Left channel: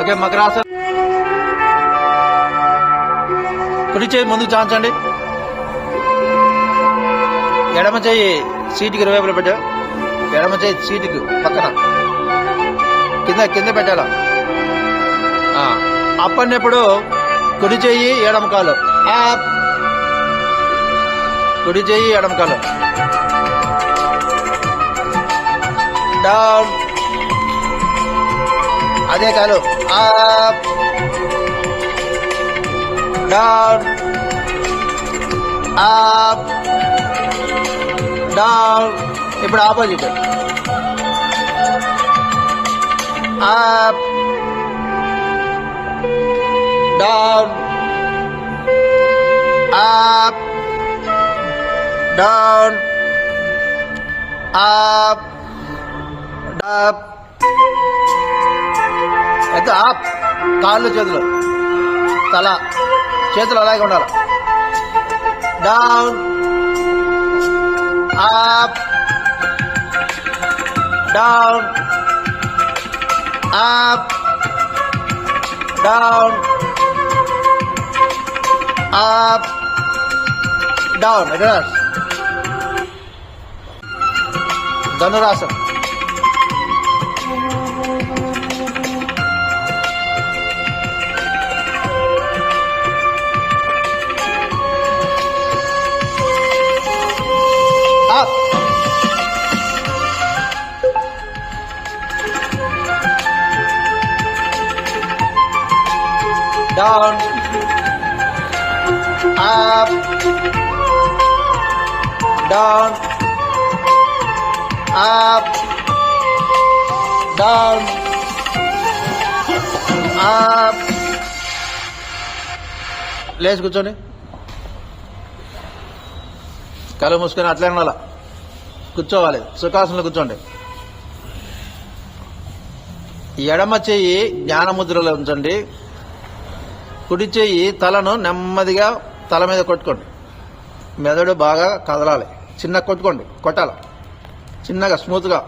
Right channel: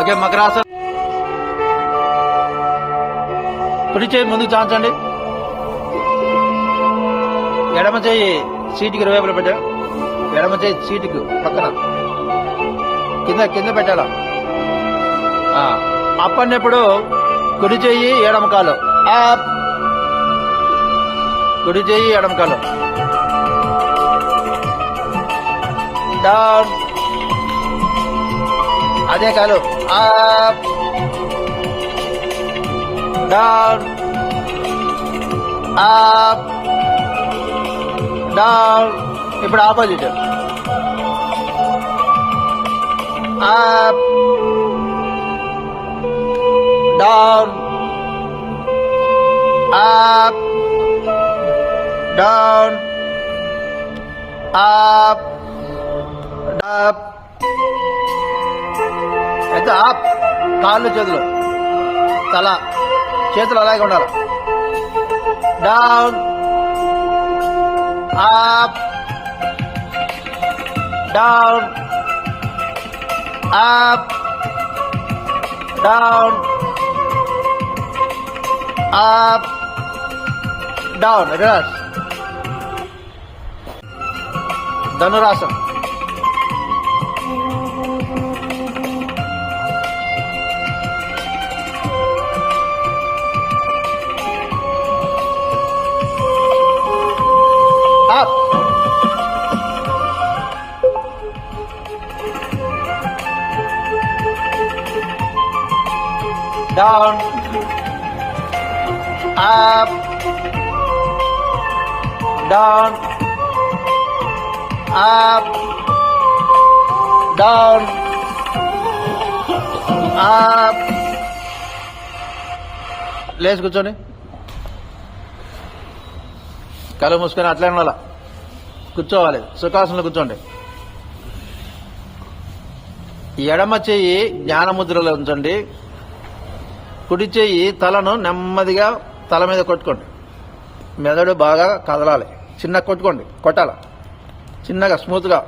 ఓకే, మకరాసన్. కుడి చేయి ముందుకు చాంచండి. ఎడమ చేయి సీటుకి ఇరువైపులో పెట్టావు. ఎడమ చేయి సీటుకు పక్కన కింద పెట్టాల. అప్ అన్నప్పుడు కుడి చెయ్యి ఎడమ కాలు అప్. కుడి చెయ్యి ఎడమ కాలు డౌన్. అదే కాలు అప్ డౌన్ అప్ డౌన్. ఇప్పుడు opposite up down up down up డప్. ఎంత అప్. కాళ్ళు చేతులు తల చేతులు అలాగే ఉండాలి. Down up down up down up down. Reverse. Dhanurasan. Up down up down up down up. లేచి కూర్చోండి. కళ్ళు మూసుకొని అట్లనే ఉండాల. కూర్చోవాలి. సుఖాసనంలో కూర్చోండి. ఎడమ చెయ్యి జ్ఞానముద్రలో ఉంచండి. కుడి చెయ్యి తలను నెమ్మదిగా తల మీద కొట్టుకోండి. మెదడు బాగా కదలాలి. చిన్నగా కొట్టాల చిన్నగా స్మూత్గా.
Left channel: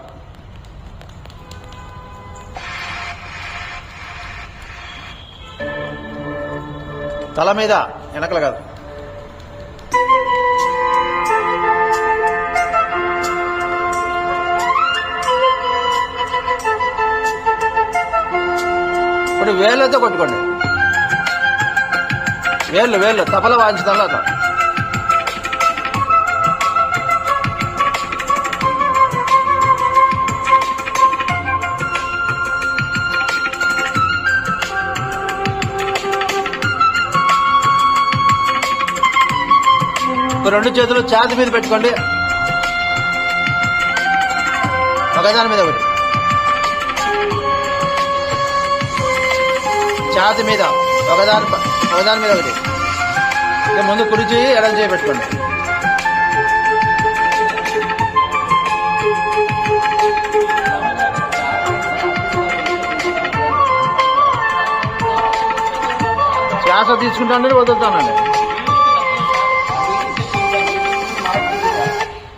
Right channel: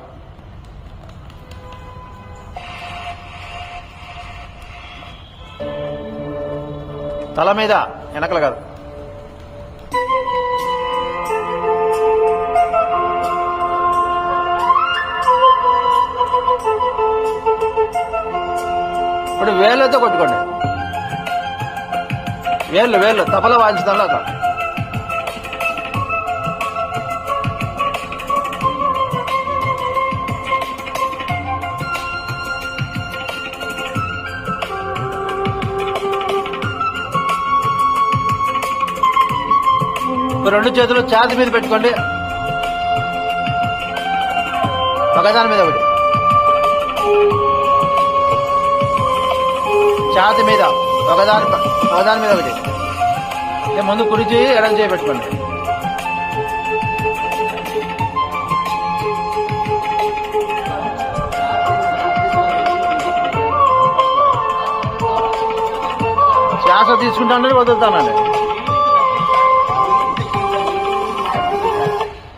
తల మీద, వెనకలు కాదు. ఇప్పుడు వేళ్ళతో కొట్టుకోండి. వేళ్ళు తపల వాయించడంలో అట్లా. రెండు చేతులు ఛాతీ మీద పెట్టుకోండి. ఒకదాని మీద ఒకటి. ఛాతీ మీద ఒకదాని మీద ఒకటి. ముందు కుడి చేయి ఎడం చేయి పెట్టుకోండి. శ్వాస తీసుకుంటానండి, వదులుతానండి.